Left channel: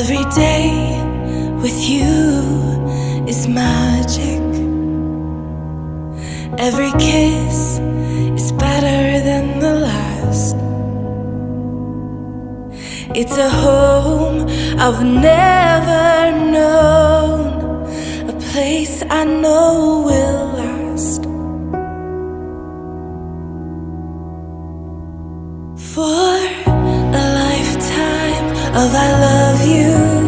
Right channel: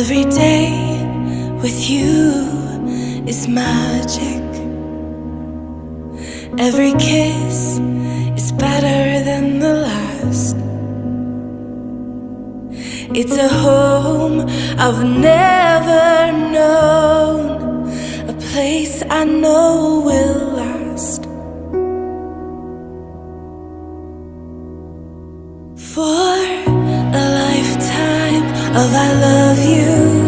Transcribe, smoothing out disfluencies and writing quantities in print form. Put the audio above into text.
Every day with you is magic. Every kiss is better than the last. It's a home I've never known, a place I know will last. For a lifetime of I love you,